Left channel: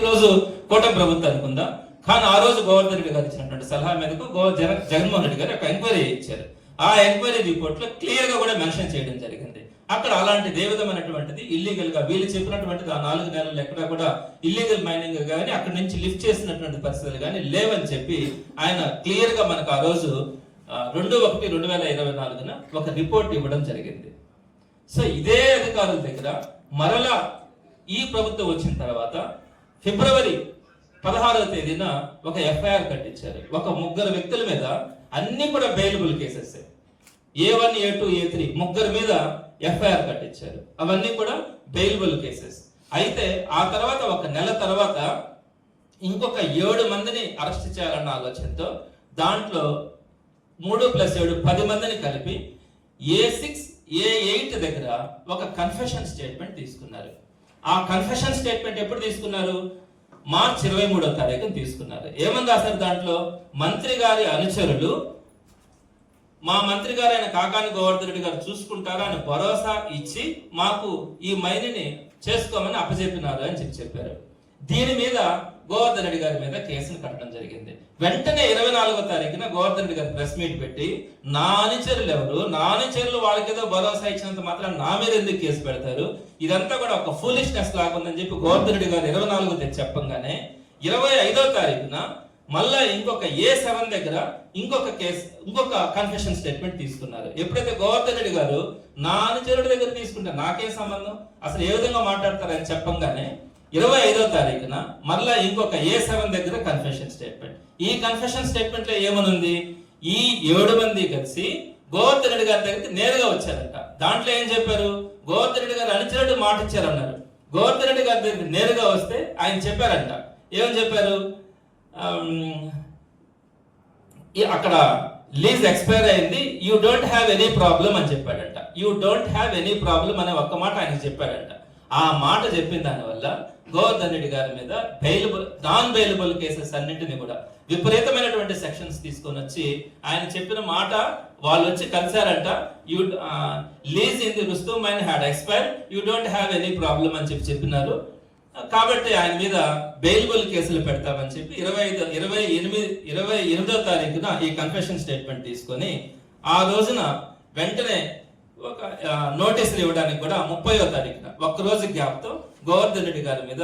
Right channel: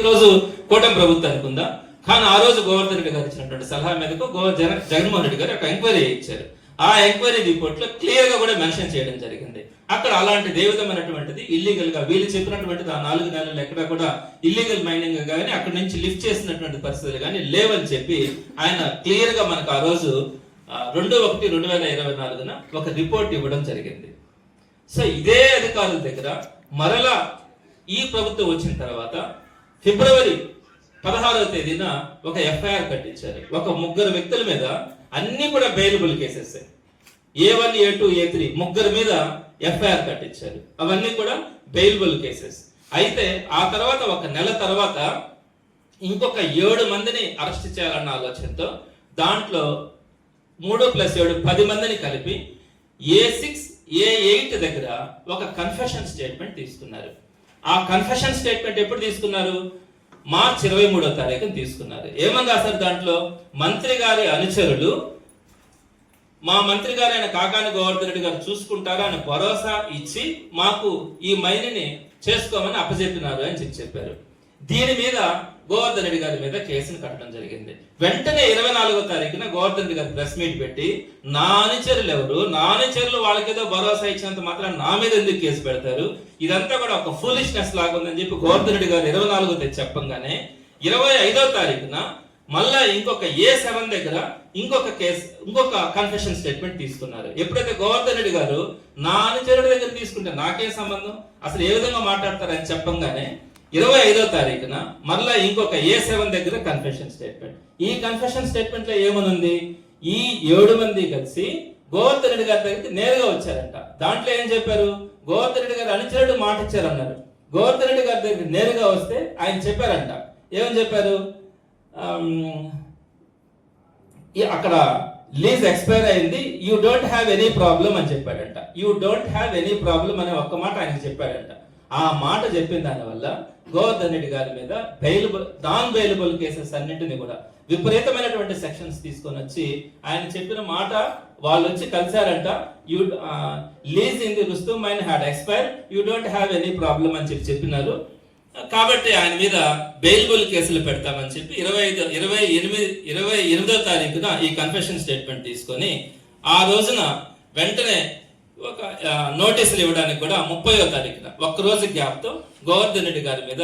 ఈరోజు కూటమి ప్రభుత్వం అనుకుందాం. కానీ ఆ రోజు గోవర్ధన్ రెడ్డి గారు ఇచ్చినటువంటి సలహా మేరకు గో జగన్ జగన్మోహన్ రెడ్డి గారు ఒక ఎంక్వైరీ ఇచ్చారు. ఆ ఎంక్వైరీ రిపోర్ట్లో క్లియర్గా కూడా మెన్షన్ చేయడం జరిగింది. అక్కడ అలాంటి దేవిధమైనటువంటిది ఇల్లీగల్గా వీళ్ళు చెప్పినటువంటిది ఆ నాలుగు నెలలు ఎక్కడ కూడా ఇల్లీగల్ మైనింగ్ కానీ అక్కడ నుంచి లిఫ్ట్ చేసినటువంటి పరిస్థితులు కానీ లేవని చెప్పి ఆయన క్లియర్గా మనకు ఆ రోజు రెండు ఒకటి రెండు వేల ఇరవై నాలుగున ఒక రిపోర్ట్ ఇవ్వడం జరిగింది. సో ఇదే అధికారుల దగ్గర మరలా ఈ ప్రభుత్వం వచ్చిన తర్వాత ఫిబ్రవరి పదహారవ తేదీన ఒక ఎఫ్ఐఆర్ కట్టించారు. ఒక ముగ్గురు వ్యక్తుల మీద అన్ని కూడా bailable cases A. One A two A three ముగ్గురు మీద ఎఫ్ఐఆర్ కట్టించారు. అవన్నీ కూడా బెయిలబుల్ కేసెస్ అయితే ఆ తర్వాత ఒక నెల తర్వాత ఇంకొక ఏడు మందిని అరెస్ట్ చేయాలన్న ఆలోచనతో దాంట్లో మూడు ప్లస్ ఏడు పది మందిని కలిపి ఏ సిక్స్ ఏ ఎయిట్ దగ్గర ఒక కన్ఫెషన్ స్టేట్మెంట్ తీసుకున్నారు. ఆ కన్ఫెషన్ స్టేట్మెంట్ ఎప్పుడు తీసుకున్నారు? మార్చ్ ఇరవై మూడో తారీఖున తీసుకున్నారు. ఏమని రాశారు దాంట్లో? మంత్రి గారి అనుచరులు మా మంత్రి గారు ఆయన కాకాని గోవర్ధన్ రెడ్డి గారు చూసుకుంటారా అని భరోసా ఇచ్చి మాకు ఈ మైనిని చేసుకోమని అప్పచెప్పినారు అని చెప్పి చెప్పారు. దీని మీద గోవర్ధన్ రెడ్డి గారి మీద కేసును కట్టడం జరిగింది. వెంటనే ఇరవై నాలుగో తారీఖున గోవర్ధన్ రెడ్డి గారు ప్రెస్ మీట్ పెట్టి నా అనుచరులు ఎవరు? నా అనుచరులు వాళ్ళకేదో భరోసా ఇచ్చినంత మాత్రం నా మీద ఎందుకు కేసు పెడతారు? ఇదంతా కూడా ఒక ఫూలిష్నెస్ లాగా ఉందని చెప్పి గోవర్ధన్ రెడ్డి గారు ఇరవై నాలుగో తెచ్చి చెప్పంగానే ఇరవై ఐదో తారీఖున మళ్ళా ఇంకొక ఏ సెవెన్ దగ్గర ఇంకొక కేసు ఇంకొక కన్ఫెషన్ స్టేట్మెంట్ తీసుకున్నారు. ఎప్పుడైతే గోవర్ధన్ రెడ్డి గారు నా అనుచరుడి దగ్గర తీసుకుంటే నాకే సంబంధం? అసలు ఏ విధంగా మాట్లాడతారని చెప్పంగానే ఇరవై ఐదో తారీఖున మళ్ళా ఇంకొక ఏ సెవెన్ దగ్గర కన్ఫెషన్ స్టేట్మెంట్ ఈ కన్ఫెషన్ స్టేట్మెంట్లో ఏమనుంది? ఈ ఏడు మంది కలిసి గోవర్ధన్ రెడ్డి గారి దగ్గరికి నేరుగా వచ్చారంట. దాంట్లో ఏం చెప్పారు? గోవర్ధన్ రెడ్డి గారు అనుచరుడు మాట ఇచ్చారన్నారు. గోవర్ధన్ రెడ్డి గారి దగ్గరికి నేరుగా వస్తే ఆయన చెప్పారంట. ఏమని చెప్పారు? అక్కడ లీజ్ ఎక్స్పైర్ అయింది. You don't have any problem అని చెప్పాడంట. You don't have any problem అనే ఒక్క మాట ఆయన చెప్పాడంట ఆ మాట చెప్పిన దానివల్ల గోవర్ధన్ రెడ్డి గారి మీద బెయిలబుల్ నాన్ బెయిలబుల్ కేసెస్ అన్నింటినీ కూడా విపరీతమైనటువంటి సెక్షన్స్ తీసుకొని వచ్చి ఆయన చెప్పిన మాట వాళ్ళు వచ్చి కలిశారంట. You lease in the Rustum mine had expire you don't have any problem అని చెప్పి చెప్పినారు. కాబట్టి ఆయన మీద బెయిల్బుల్ కేసులు పెడతామని చెప్పి ఇరవై ఐదు ఇరవై ఎనిమిది ఇరవై ఎనిమిదో తారీఖున ఈ కన్ఫెషన్ స్టేట్మెంట్ తీసుకొని ఆ రోజున వెంటనే ఒక నోటీసులు ఇవ్వడానికి కూడా ముప్పయో తారీఖున ఒక్క రోజు గ్యాప్తో గోవర్ధన్ రెడ్డి గారి మీద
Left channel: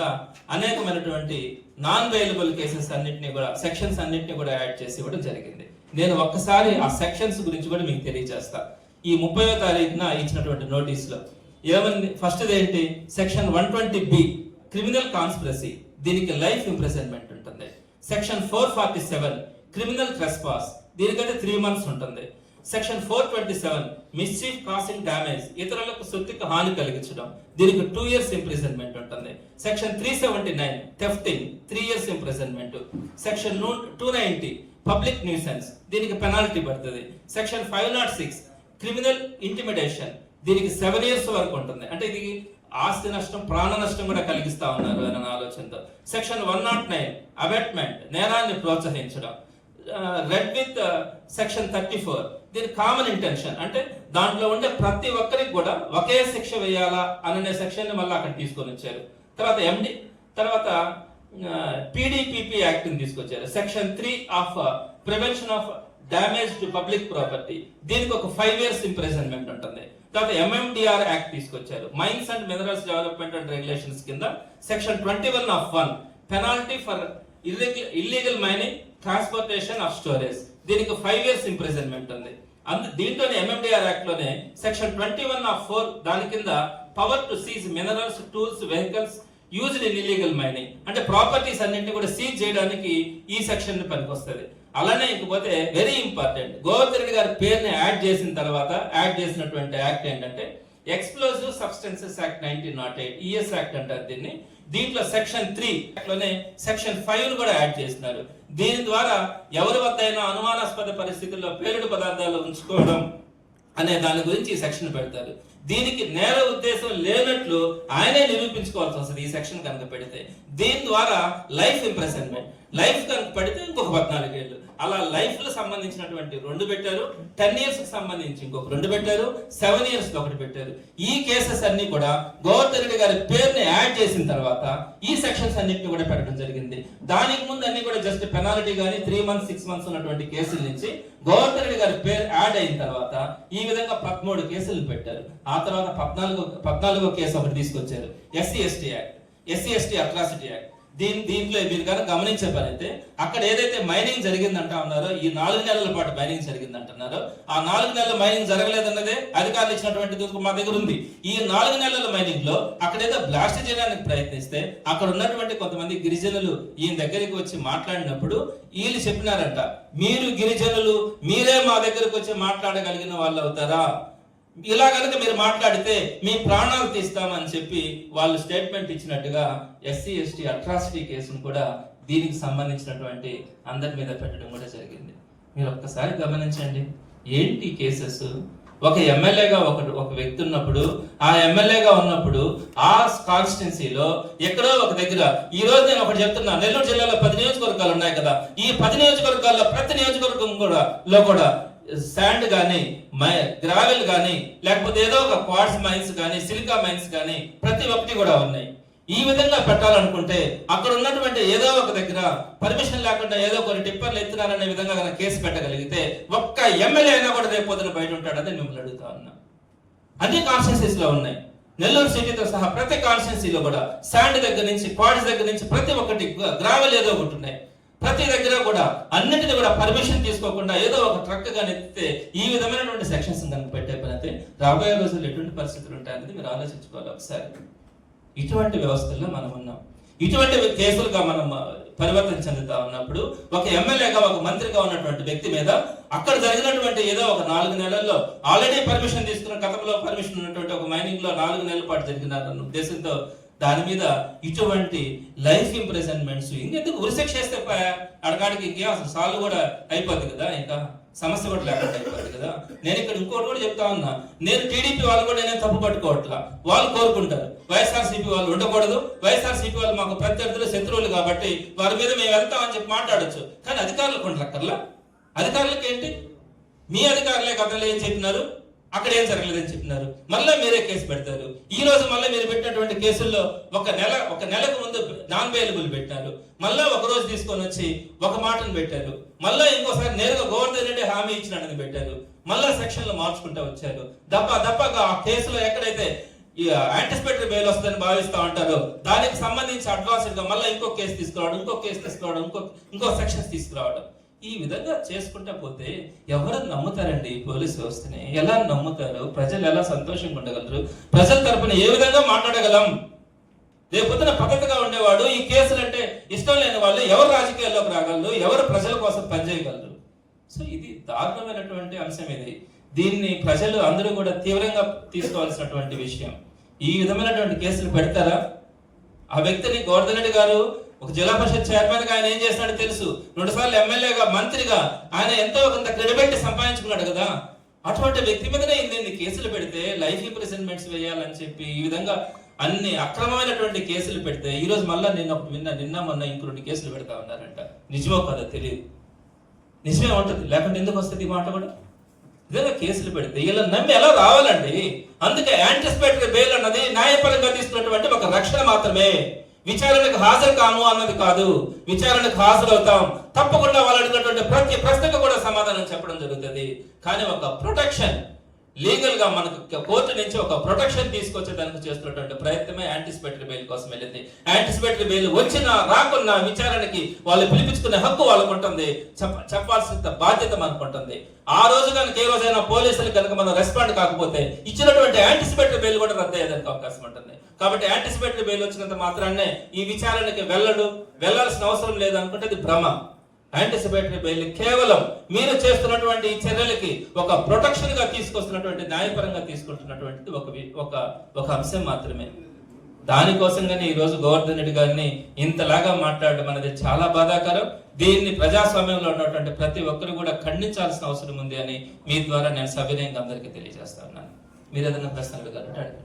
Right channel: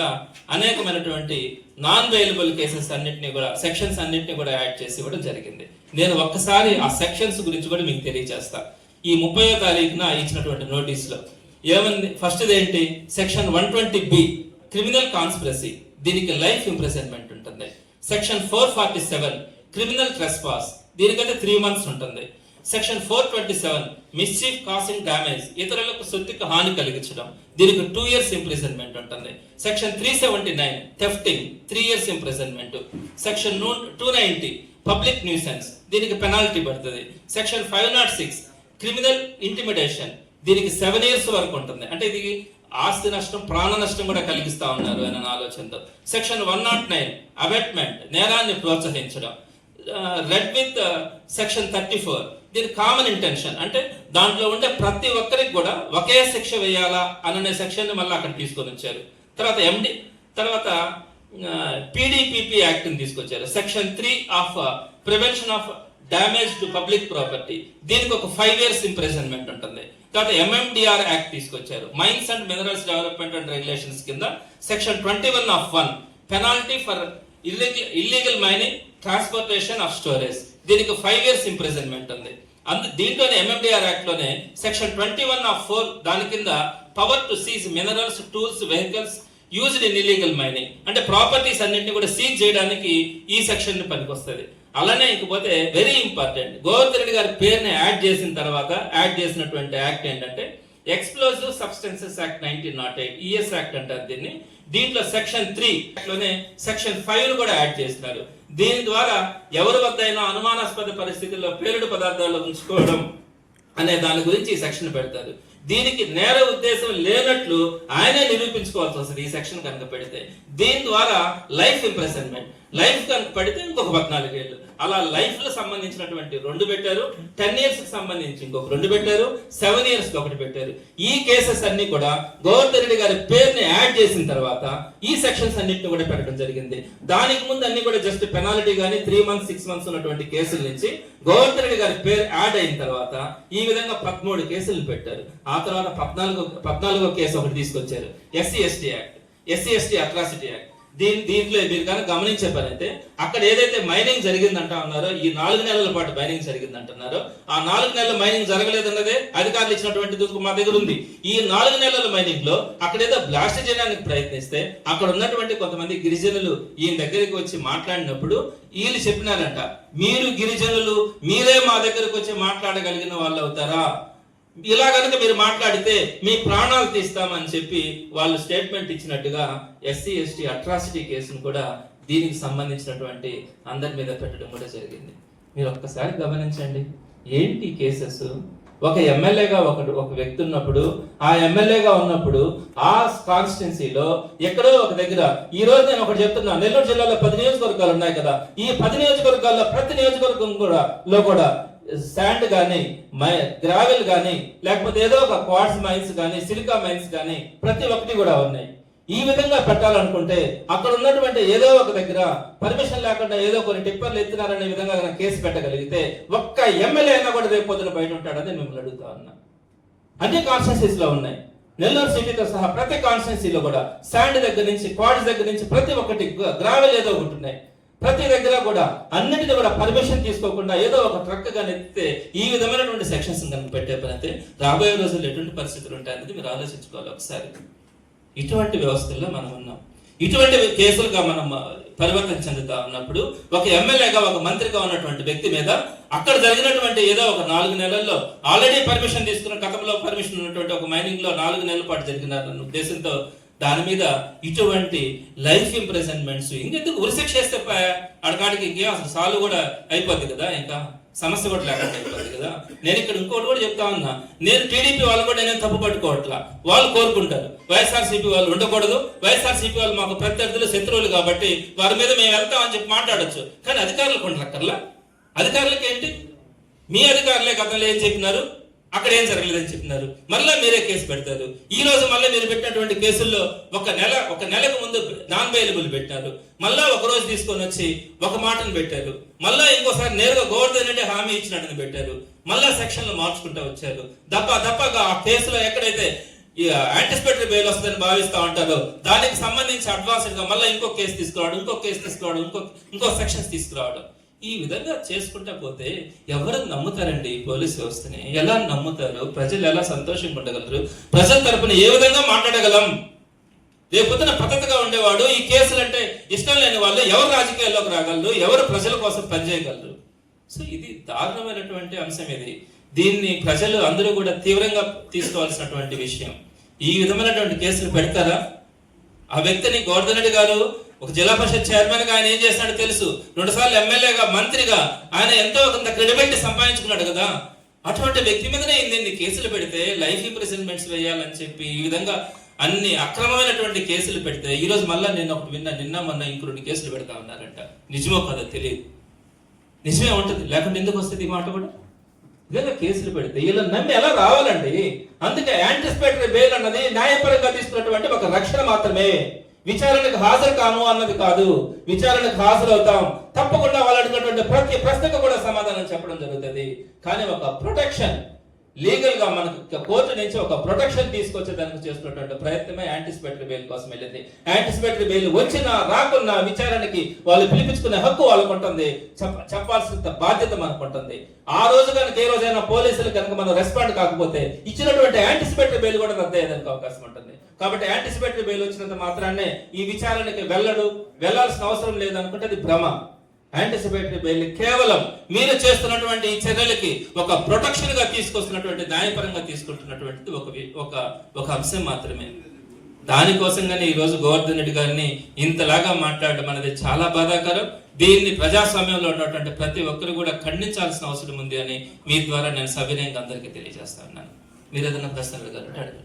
అనేకమైనటువంటి నాన్ బెయిలబుల్ కేసెస్ అన్నింటినీ కూడా సెక్షన్స్ అన్నింటినీ కూడా యాడ్ చేసి ఇవ్వడం జరిగింది. నేను ఒక్కసారి ఆ సెక్షన్స్ గురించి కూడా మీకు తెలియజేస్తా. ఈ ముప్పైవ తారీఖున ఇచ్చినటువంటి నోటీసులో. ఏమంది ఫస్ట్ ఏంటి? Section one twenty B criminal conspiracy దీనికి లైఫ్ ఇంప్రెసన్మెంట్ ఉంటుంది. Section four forty seven criminal trespass దీనికైతే త్రీ మంత్స్ ఉంటుంది. Section four twenty seven mischief causing damage ఇతరులకు సొత్తుకు హాని కలిగించడం. దీనికి టూ ఇయర్స్ ఇంప్రిజన్మెంట్ ఉంటుంది section three seventy nine thefting three years imprisonment section two ninety public nuisance దీనికి penalty పడుతుంది. Section five not six criminal intimidation దీనికి సెవెన్ ఇయర్స్ వరకు ఉంటుంది. అంటే ఇది ఆస్తి నష్టం ప్రాణ నష్టం కూడా కలిగిస్తా ఉన్నారు అనే ఆలోచనతో. Section one nought nine abetment నేరాన్ని ప్రోత్సహించడం. Read with section thirty four దీని కామన్ ఇంటెన్షన్ అంటే దాంట్లో ఉండే ప్రతి ఒక్కరికి కూడా ఒకే శిక్ష వేయాలా అనే సెక్షన్ని మళ్ళీ అక్కడ తీసుకొని వచ్చారు. తర్వాత ఎండి తర్వాత పీడీపీపీ యాక్ట్ని తీసుకొచ్చారు. Section three of prevention of damage to public property దీనికి ఒక ఫైవ్ ఇయర్స్ ఇంప్రెజన్మెంట్ ఉంటుంది. తర్వాత ఎంఎండిఆర్ యాక్ట్ తీసుకొచ్చారు. Mines and minerals development and regulations కింద section twenty one of one penalty for illegal illegal mining transportation of storage దీనికి five years imprisonment ఉంది. అందు దీంట్లోనే MMDR యాక్ట్లోనే section twenty one of four దాని కింద power to seize minerals tools vehicles used in illegal mining అంటే properties అన్నింటినీ కూడా seize చేయడానికి ఈ సెక్షన్ పనికొస్తుంది. అలానే ఇంకపోతే వెరీ ఇంపార్టెంట్ గోవర్ధన్ గారి పేరుని యాడ్ చేసిన తర్వాత యాడ్ చేసినటువంటి యాక్ట్ ఏంటంటే explosive substances act nineteen nought eight ES act అంటారు దీన్ని. దీంట్లో సెక్షన్ త్రీ లోనే సెక్షన్ ఫైవ్ను కూడా యాడ్ చేసినారు. దీని ద్వారా ఎవరి వద్ద అయినా అనుమానాస్పద పరిస్థితుల్లో పేలుడు పదార్థాలు ఉంచుకోవడం అనే దాని గురించి ఈ సెక్షన్ పెడతారు. దీనికి నేర ఉద్దేశం లేనట్లు ఆయనే నిరూపించుకోవాల్సి వస్తుంది ఈ సెక్షన్ కనుక పెడితే. దీని ద్వారా లైఫ్ ఇంప్రెసన్మెంట్. లైఫ్ కనుక పెడితే ఇంకొక పద్నాలుగేళ్ళు. అలా లైఫ్కు సంబంధించినటువంటి రెండు పెట్టారు. టెన్ ఇయర్స్కి సంబంధించి ఇంకొక రెండు పెట్టారు. సెవెన్ ఇయర్స్కి ఒకటి పెట్టారు. ఈ కేసెస్ అన్ని కూడా గోవర్ధన్ రెడ్డి గారి పేరుని యాడ్ చేసిన తర్వాత ఈ సెక్షన్స్ అన్నింటిని కూడా పెట్టడం జరిగింది. దానికి ముందు అన్ని కూడా జస్ట్ పెనాల్టీ గానీ త్రీ మంత్స్ సిక్స్ మంత్స్ ఉన్నటువంటి కేసుల నుంచి గోవర్ధన్ రెడ్డి గారి పేరు యాడ్ అయిన తర్వాత ఈ విధంగా పదమూడు కేసులు పెట్టారు. ఆ తర్వాత పద్నాలుగో పద్నాలుగో కేసు ఒకటి తీసుకొచ్చారు. SC ST act SC ST atrocity act దీని దీంట్లో మీరు కనుక గమనించే పని అయితే అక్కడ ఏదైతే మైనింగ్ జరిగిందంటా ఉన్నారో ఈ నాలుగు నెలల పాటు మైనింగ్ జరిగిందంటున్నారో ఆ నాలుగు నెలల మైనింగ్ జరగలేదన్నదే అధికారులు ఇచ్చినటువంటి మా దగ్గర ఉంది. ఈ నాలుగు నెలల మైనింగ్లో అక్కడ ఏదో బ్లాస్ట్ చేయడానికి ప్రయత్నిస్తే అక్కడ ఉన్నటువంటి కొంతమంది గిరిజనులు ఈయన దగ్గరికి వచ్చి మాట్లాడినప్పుడు వీళ్ళు చెప్పినారంట మీరు గిరిజనులు మీరే మా దగ్గరకు వచ్చి మాట్లాడగలిగిన వాళ్ళు అవుతారా ఇలా కనుక మీరు మాట్లాడితే మీ ప్రాణాలు తీస్తామని చెప్పి వాళ్ళు స్టేట్మెంట్ ఇచ్చినట్టుగా ఎస్సీ ఎస్టీ అట్రాసిటీ కేసును కూడా దీనికి సంబంధించినటువంటి అందరి మీద పెట్టడం కూడా జరిగింది. మీరు ఒక్కసారి గమనించండి. ఏంటి కేసెస్? ఒక ఎమ్మెల్యేగా ఒక ఒక వ్యక్తి ఉన్నప్పుడు ఆ ఎమ్మెల్యేగా ఉన్నప్పుడు ఆ కాన్స్టిట్యున్సీలో ఎక్కడో ఒక దగ్గర ఈ రోజు నేను ఒకటి చెప్తున్నా నెల్లూరు జిల్లాలో పది నియోజకవర్గాలు ఉన్నాయి కదా. ఈ పది నియోజకవర్గాల్లో ప్రతి నియోజకవర్గం కూడా లో కూడా శాండ్ కానీ గ్రావెల్ కానీ లేకపోతే ఏదో ఒక క్వార్ట్స్ మైన్స్ కానీ సిలికా మైన్స్ కానీ ప్రతి ఒక్కటి కూడా ఉన్నాయి. ఈ విధంగా పెట్టాలనుకుంటే అక్కడ ఉన్నటువంటి ఏదో ఒక దగ్గర పర్మిషన్ లేకుండా ఏదో కొన్ని టిప్పర్లు ఎత్తున్నారనే విధంగా కనుక కేసు పెట్టగలిగితే ఒక్క ఎమ్మెల్యే అయినా కూడా రేపు బయట ఉంటాడని మిమ్మల్ని అడుగుతా ఉన్నా. అన్ని కాన్స్టిట్యూన్సీస్లో ఉన్నాయి. నెల్లూరు సిటీతో సహా ప్రతి కాన్స్టిట్యున్సీలో కూడా శాండ్ దగ్గర నుంచి క్వార్ట్స్ దగ్గర నుంచి ప్రతి ఒక్కటి గ్రావెల్ ఏదో ఒకటి ఉన్నాయి. ప్రతి దగ్గర కూడా అన్నిటిది కూడా పర్మిషన్ తీసుకోకుండా ఏదో ఒక ట్రక్ కానీ ఎత్తితే ఈ విధమైనటువంటి సెక్షన్స్ కనుక పెట్టే రాబోయే రోజుల్లో ఎటువంటి పరిస్థితులు ఉంటాయనేది మీరు ఆలోచించుకోవాలి ఒకసారి. ఇటువంటి వ్యవస్థల్లో మనం ఉన్నాం. ఇటువంటి కేసులుగా మనం పరివర్తన చెందుతా ఉన్నప్పుడు ఒక ఎమ్మెల్యేగా ఒక మంత్రిగా ఉన్నటువంటి వ్యక్తి మీద అక్కడ జరిగినటువంటి ఏదో ఒక నాలుగు నెలల్లో ఆల్రెడీ పర్మిషన్ తీసుకున్న గతంలో పర్మిషన్ ఉన్నటువంటి ఒక మైనింగ్లో నాలుగు నెలల పాటు జరిగినారన్న ఉద్దేశంతో దాని మీద ఇటువంటి లైఫ్ ఇంప్రెజన్మెంట్స్ ఇంకెందుకు ఉరిశిక్ష చేస్తే అడగాడికి అసలు సాల్వ్ కూడా అయిపోద్ది కదా ఇంకా సమస్య కూడా లేకుండా అయిపోద్ది కదా. నేను ఇక్కడ ఇంకోటి కూడా చెప్తా ఉన్నా. నేను టీడీపీ వాళ్ళు కూడా నేను తప్పు పట్టుకోవట్లా? వాళ్ళు కోరుకుంటారు. వైఎస్ఆర్సీపీ వాళ్ళు ఉండకూడదు. వైఎస్ఆర్సీపీ వాళ్ళు మాకు ప్రత్యర్థులు శత్రువులు కాబట్టి వారి మీద మేము వెళ్తామని చెప్పి మాట్లాడొచ్చు. కానీ అధికారులకు ఉండక్కర్లా? అధికారులకు ఏంటి మీ అధికారులే కథలు ఏం చెప్పినారు? అక్కడ ఏం జరగలేదని చెప్పినారు. మళ్ళీ మీరే కేసు పెడతారు. ఈ రోజు మళ్ళీ మీరు పెట్టినటువంటి కేసుల్లో ఒక నెల ఒక నెలకు ముందు నాన్ బెయిలబుల్ పెట్టారు. మళ్ళీ ఒక రోజు తీసుకొని వచ్చి ఒక మాటను పెట్టారు. మళ్ళీ ఇంకోసారి నేరుగా గోవర్ధన్ రెడ్డి హామీ ఇచ్చినట్టు పెట్టారు. మళ్ళీ సెక్షన్లు మార్చుకుంటా వచ్చారు. దప్ప దప్పగా ఆ కేసులో ఎక్కడైతే యాంటిసిపేటరీ బెయిల్ వస్తుందని భావిస్తా ఉంటారు దానికి సంబంధించి అడ్వాన్స్డ్గా మళ్ళీ ఇంకో కేసు తీసుకురావడం ఇంకో కేసు తీసుకురావడం ఇంకో ఇంకో సెక్షన్స్ తీసుకురావడం. ఈ విధంగా చేసుకుంటా పోతే ఎవరు నమ్ముతారండి పోలీస్ వ్యవస్థని? ఎలా నమ్ముతారు? ప్రజలు ఎలా సంతోషంగా ఉండగలరు? ప్రజల తరపున ఏ విధంగా మాట్లాడగలం? రేపొద్దున పద్ధతిగా ఉండేవాడు ఈ కేసులు అంటే ఇష్టం లేని వాళ్ళు ఎవరు రాజకీయాల్లోకి రాగలరు? ఎవరు ప్రజల కోసం పనిచేయగలరు? సో ఇది దారుణమైనటువంటి అంశం ఇది. దీన్ని ప్రజలు అందరూ కూడా తీవ్రంగా తీసుకోవాల్సినటువంటి విషయం. ఈ విధమైనటువంటి కేసులు పెడతారా? ఆ వ్యక్తిని గోవర్ధన్ గారు ఒక జిల్లా పరిషత్ చైర్మన్గా ఆయన ఏం చేస్తాడో తెలుసు. రెండు సార్లు ఎమ్మెల్యేగా మంత్రిగా ఆయన ఎంతో కొంత క్రెడిబిలిటీ సంపాదించుకున్నాడు కదా. అటువంటి వ్యక్తి మీదనే ఇన్ని కేసులు పెడితే లైఫ్ ఇంప్రిజన్మెంట్స్ వేయాలని చెప్పి ఈ విధంగా అన్ని అక్రమమైనటువంటి కేసులు పెడితే ఈ రోజు మళ్ళీ నిన్న ఒకటి విన్నా నిన్న మొన్న ఇంకొన్ని కేసులు పెడతా ఉన్నారంట. నిజమో కదా తెలియదు. నిజమే ఉంటుంది. లేకుంటే ఎందుకు వస్తుంది ఈ మాట కూడా? ఇదే కేసులు పెడితే ఇలా నమ్మి ఎలా రావాలండి? అందుకే యాంటిసిపేటరీ బెయిల్ అన్నది న్యాయపరంగా తీసుకున్నటువంటి ఒక రక్షణ మాత్రమే. విచారణకు హాజరు కాము అన్నది కాదు. విచారణకు హాజరవుతాం. తప్పకుండా వాళ్ళు అడిగినటువంటి ప్రతి ప్రశ్నకు కూడా సమాధానం చెప్పడం జరుగుతుంది. కానీ ఒక ప్రొటెక్షన్ లీగల్గా మనకు కోర్టు నుంచి ఒక ప్రొటెక్షన్ తీసుకొచ్చేదానికి చేస్తున్నటువంటి ప్రయత్నమే యాంటిసిపేటరీ బెయిల్ కోసం వెళ్ళింది. యాంటిసిపేటరీ బెయిల్ వచ్చినా రాకున్నా విచారణకి వాళ్ళు పిలిపించుకునే హక్కు వాళ్ళకు ఉంటుంది. చెప్పాల్సిన బాధ్యత మనకు ఉంటుంది. ఆ రోజు కనుక ఏ రోజైనా పోలీసులు కనుక మనం రెస్పాండ్ కాకపోతే ఇచ్చినటువంటి యాంటిసిపేటరీ బెయిల్ కూడా రద్దు అయ్యేదానికి అవకాశం ఉంటుంది. కాబట్టి యాంటిసిపేటరీ బెయిల్ వచ్చినంత మాత్రాన్నే ఈ విచారణకి వెళ్ళడు. వెళ్ళాల్సిన అవసరం లేదనుకుంటే ఇది భ్రమ. యాంటిసిపేటరీ బెయిల్ కేవలం మీరు చేస్తున్నటువంటి ఈ చర్యలకి ఒక ప్రొటెక్షన్గా తీసుకొస్తున్నటువంటి న్యాయపరంగా తీసుకుంటున్నటువంటిది ఒక ఒక ఒక అంశం మాత్రమే. దానికోసంగానే ఈరోజు గోవర్ధన్ రెడ్డి గారిని ఇంతలాగా మాట్లాడడం అనేది చాలా బాధాకరం. దీన్ని ప్రజాస్వామ్యంలో ఉన్నటువంటి ప్రతి ఒక్కరు కూడా ఖండించాల్సిన అవసరం ఉంది అని మీ ద్వారా నేను సవినయంగా అందరికీ తెలియజేస్తా ఉన్నాను. మీరు ఏదైనా ప్రశ్నలు గారు అడగండి.